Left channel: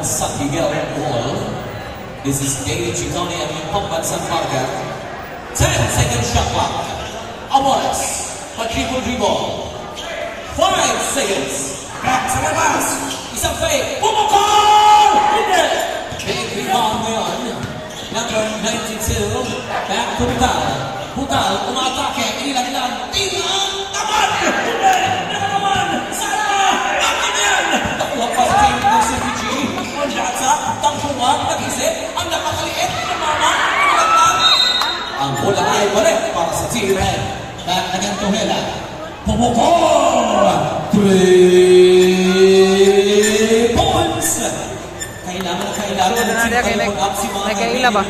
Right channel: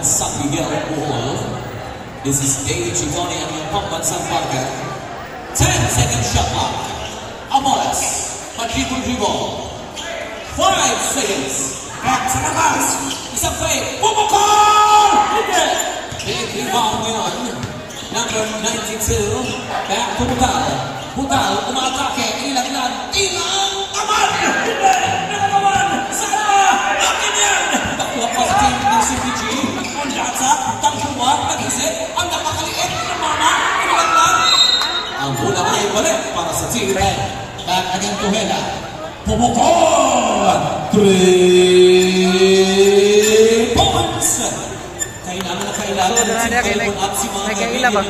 ng San Miguel, Bohol. This is David Chitone and Pampan San Marga. 10-second shot clock. Amores, mag-triple dribble. 5 seconds. Back sa labas. Isang fake. Pumukol! Hindi! Big rebound yun. Number 92. Back to Butal. Butal, umatake. Ilan-ilan. Ilang naman! Hindi! Hindi naman! Sana! Akin yan! Nakuha pa sa team ng CPG. Ang latsa, tangkuwag, nag-isip. Ang napakaliit na mama. Ilan lang. Ang bola ay balik para sa Team Red. Back again to Hela. Pumukol! 3 points! Kailangan na kailangan ng team up si mga kaila ba?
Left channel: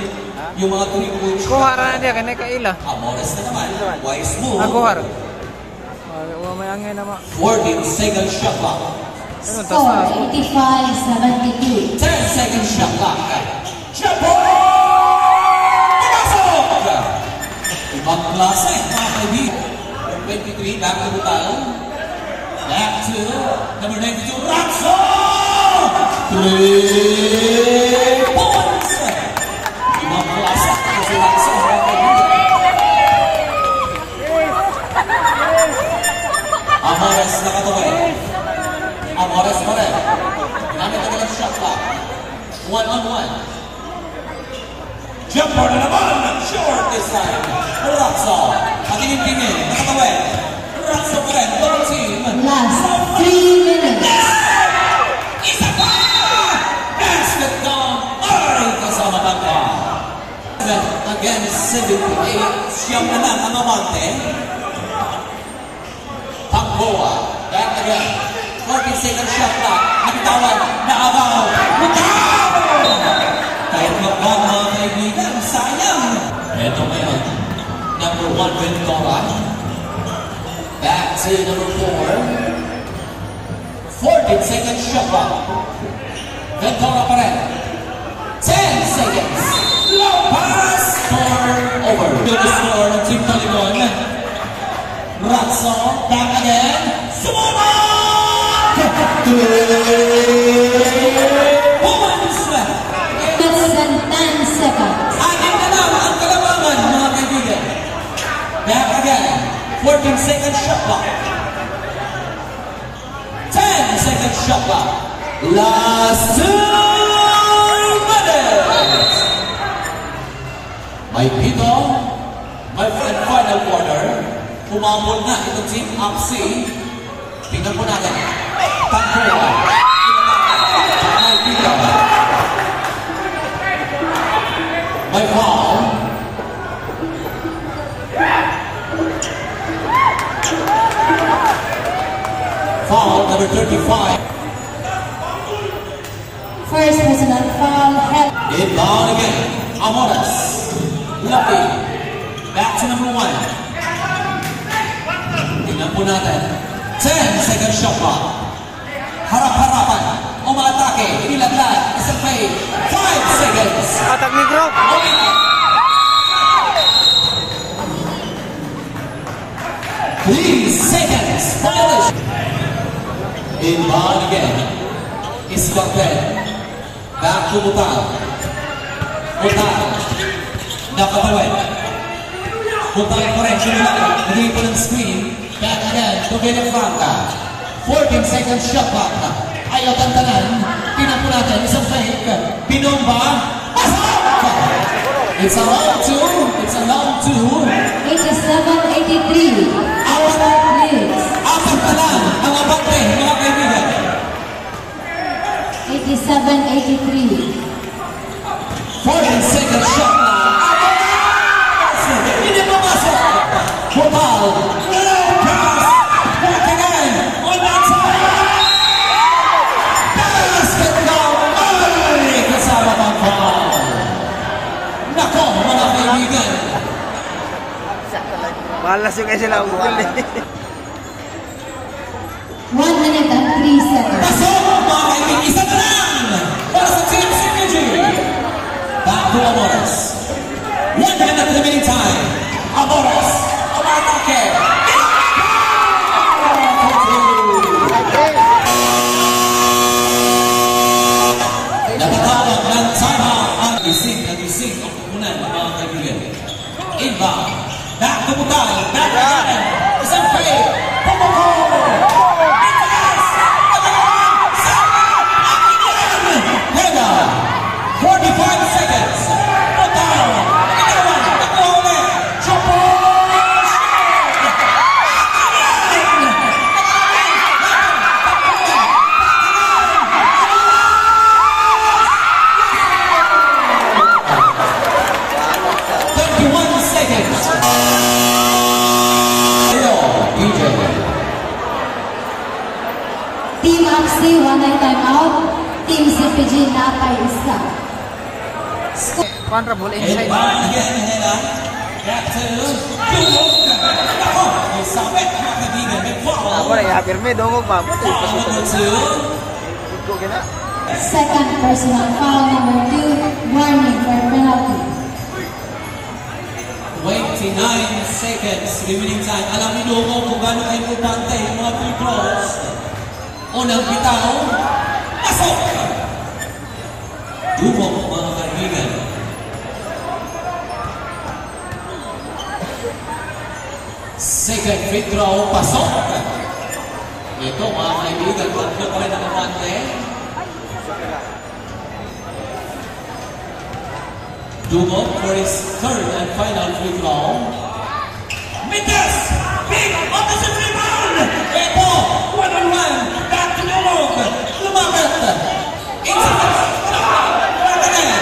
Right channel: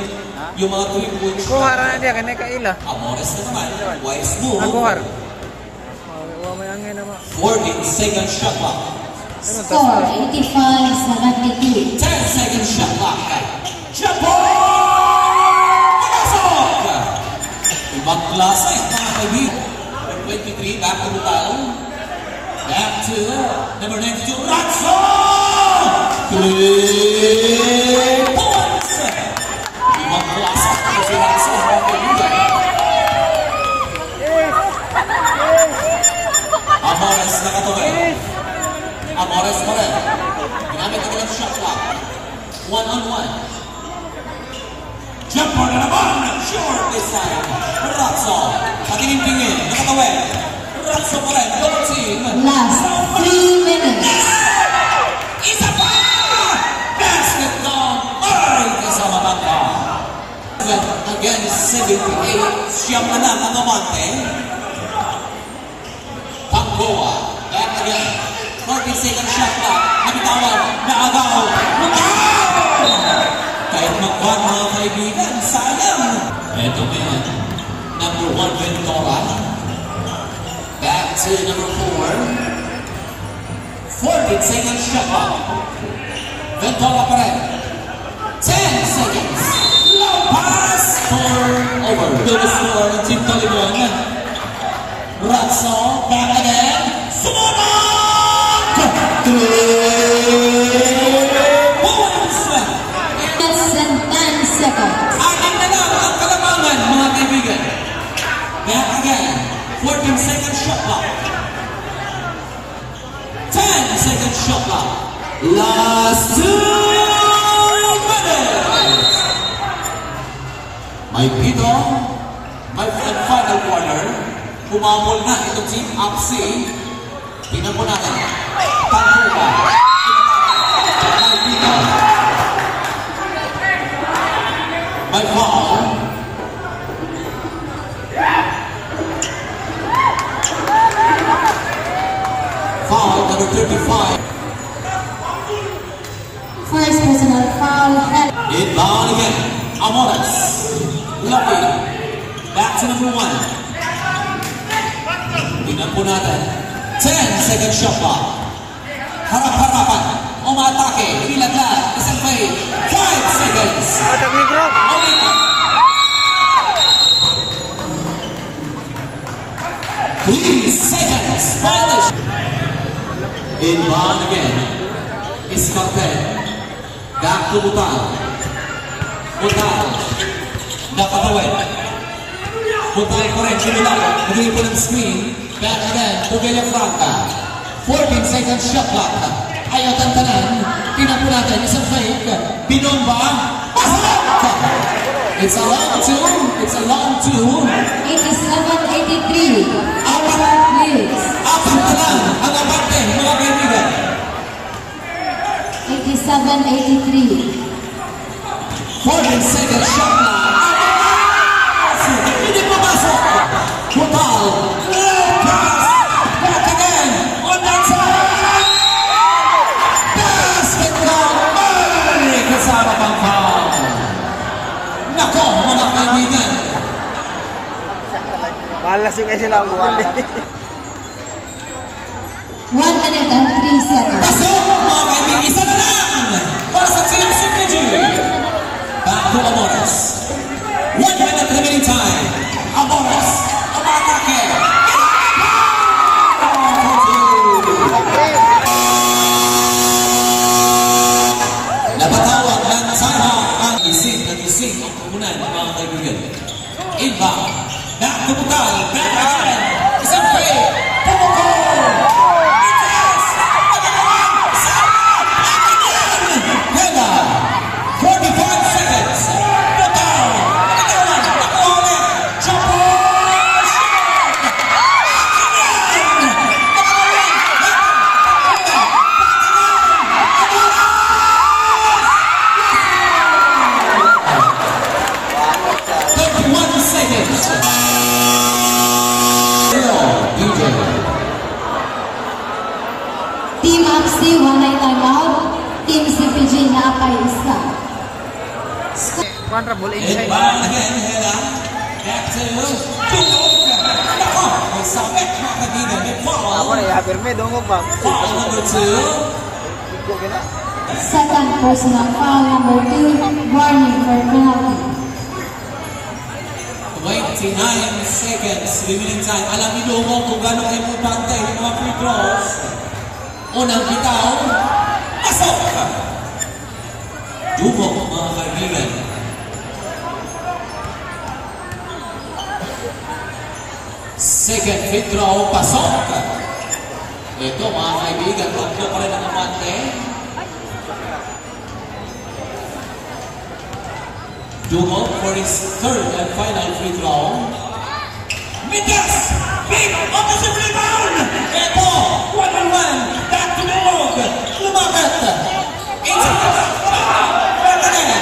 Yung mga 3 points. Kuhar na dia, kaya kaila. Amores na naman. Wise move. Kuhar. May angin naman. 14-second shot clock. Score 85-72. 10-second shot clock. Japon! Pinasok! Ibang klase, mga kaibigan. 23, back to Butal. Back to number 92, Ratso! 3 points! Ibang klase, si Ratso, mga kaibigan. Amores nakatawid. Amores pa rin. Ginamit ang ilang shot clock. 1-on-1. Jumper na naman! Short this time. Ratso. Patingin-tingin. Nakatawid. Ratso pa rin. Double team. Last 3 minutes. Isa pa! Basket down. Ay! Kasama bangka. Again, 78. Siyam na lang ang amante. Tangboa. Back again. 40-second shot clock. Nabitawan. Naagaw. Bukaw! Kahit magwag mga kaibigan, sayang! Ito ngayon. Number 1, Ventura. Back to number 4. 14-second shot clock. Ventura pa rin. 10 seconds. Low pass. Score over. Good score ng Team Taligon. Ratso. Back again. Sumunod! 3 points! Less than 10 seconds. Akin na lang ang kalamangan, mga kaibigan. Back again. 14-second shot clock. 10-second shot clock. Last 2 minutes. May pito. May final quarter. Pumapol na itong team up C. Tingnan po natin. Tangkuwa. May pito. May foul. Foul number 35. First personal foul. Inbound again. Amores. Lucky. Back to number 1. Tingnan po natin. 10-second shot clock. Harap-harapan. Umatake. Ilaglag. Isang fade. 5 seconds. Patag ni bro. 3 seconds. Violation. Inbound again. Iskakten. Back to Butal. Butal. Nakatawid. Butal pa rin. Sinulak. Naging po ng screen. Back again. To Villafranca. 14-second shot clock. Ayaw tantanan. Tingnan po natin. Isang fake. Binomba. Pasok! It's a long 2. It's a long 2. 87-83. Please. Apat na lang ang abante, mga kaibigan. 87-83. 14-second shot clock. Hindi pumasok. Butal. Back again. On that side. Basket down. Ay, kasama pang foul. Nako, mga kaibigan. Malas yung kasi lang. 1 minute and 3 seconds. Pasok, mga kaibigan. Isa na lang. Para sa Team CPG. Back to Amores. 1 minute remaining time. Amores. Umatake. Unan, mga kaibigan. Inbound. Back to Butal. Back again. Isang fade. Pumukol. Hela. 45 seconds. Butal. Nagkawan. Nakuha ulit. Chopo. 31 seconds. Team FC, 1 night timeout. Team CPG, napay isa. Kuan ra ball inside. Inbound again, Hela. Back to Dumog. Nako, may sabit, mga kaibigan. May foul. Ako na yapir me dungog pa. Foul number 2. Iko gina. Second personal foul, number 2. Warning for penalty. 29 seconds remaining time. Alam ni Dumog kung gano'ng importante yung mga free throws. Unang bitaw. Pasok! Dumog, mga kaibigan. Second free throw. Pasok! Ito, mga kaibigan. Tatlo pa rin ang umante. Dumog for his third and final free throw. Mikas! Big opposite rebound! Ito! 1-on-1! Back to Dumog! Lumabit! Inside! Back again!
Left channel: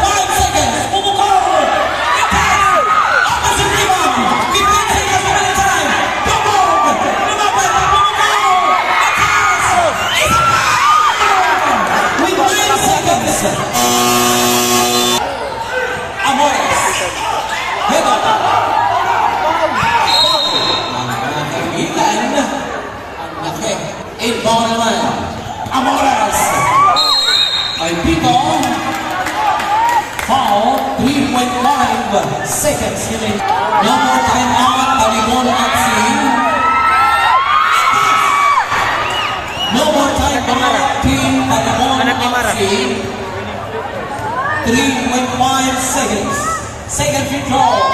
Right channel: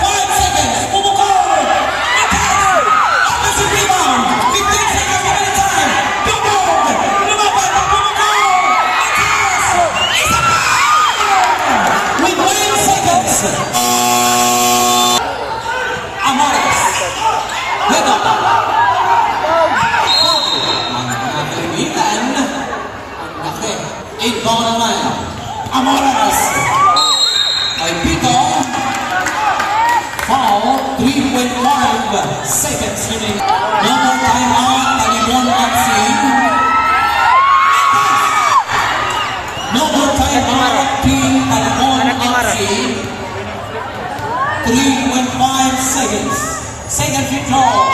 25 seconds! Pumukol! Mikas! Opposite rebound! 15 seconds at a time! Dumog! Lumabit! Pumukol! Mikas! Isa pa! With 9 seconds! Amores. Hego. Ang kaibigan. Ang laki. Inbound naman. Amores. Ay Pito. Foul. 3.5 seconds remaining. No more timeout. Talibon FC. No more timeout. Team Talibon FC. 3.5 seconds. Second free throw.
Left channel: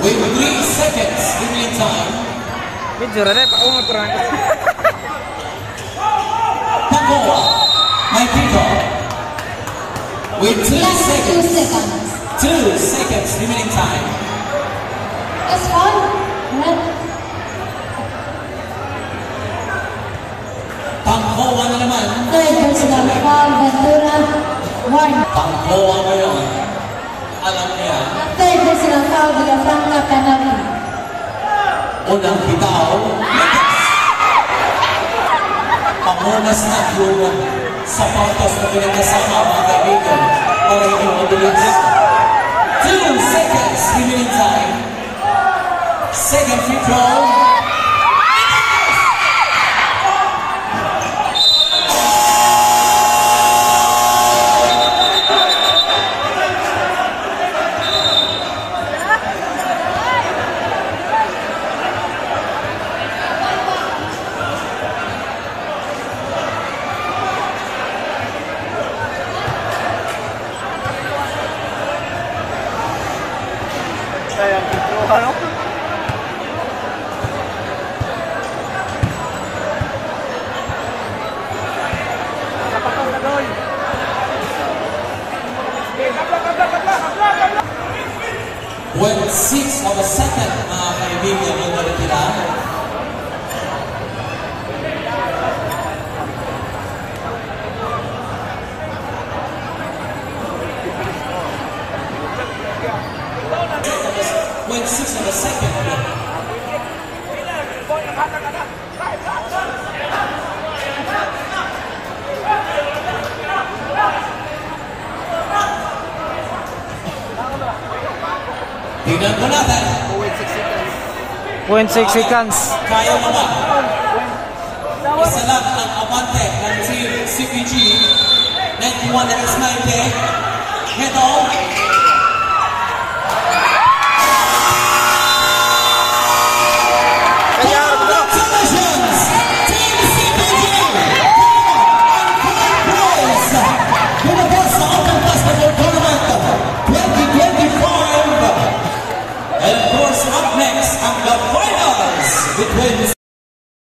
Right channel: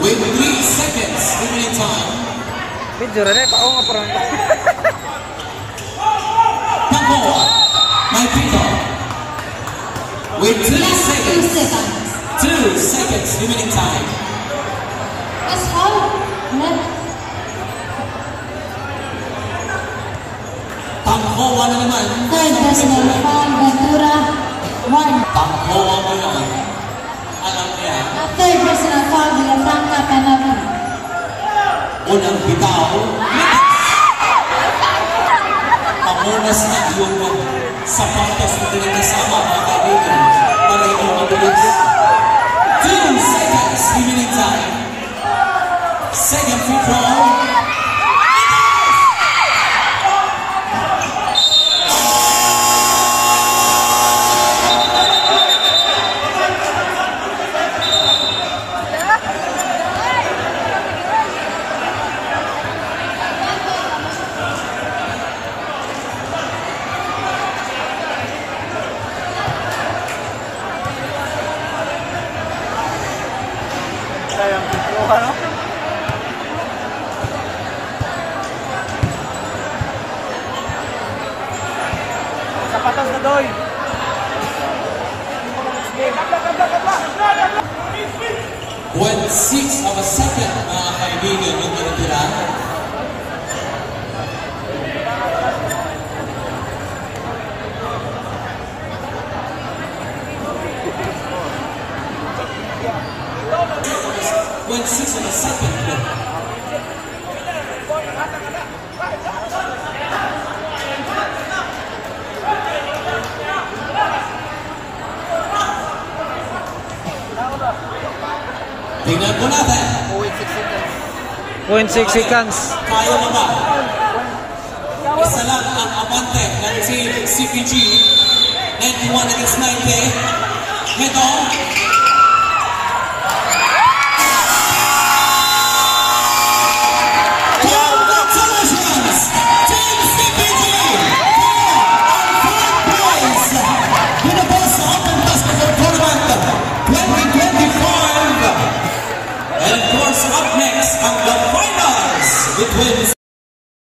With 3 seconds remaining time. Medyo ra pa nga parang. Tango. My people. With 2 Last 2 seconds. seconds. 2 seconds remaining time. First foul, red. Panghoa na naman. Third personal foul, Ventura. 1. Panghoa ngayon. Alam niya. Third personal foul, Villafranca, Canavi. Unang bitaw. Pamunas na yung sapatos na pinagkasama, mga kaibigan, para hindi mabilis. 2 seconds remaining time. Second free throw. Sayang pitro ano? When 6 of a second, mga kaibigan, yung natitira. When 6 of a second. Tingnan po natin. 0.6 seconds. Kaya mo ba? Isa lang ang abante ng Team CPG. 91 against 90. Head on.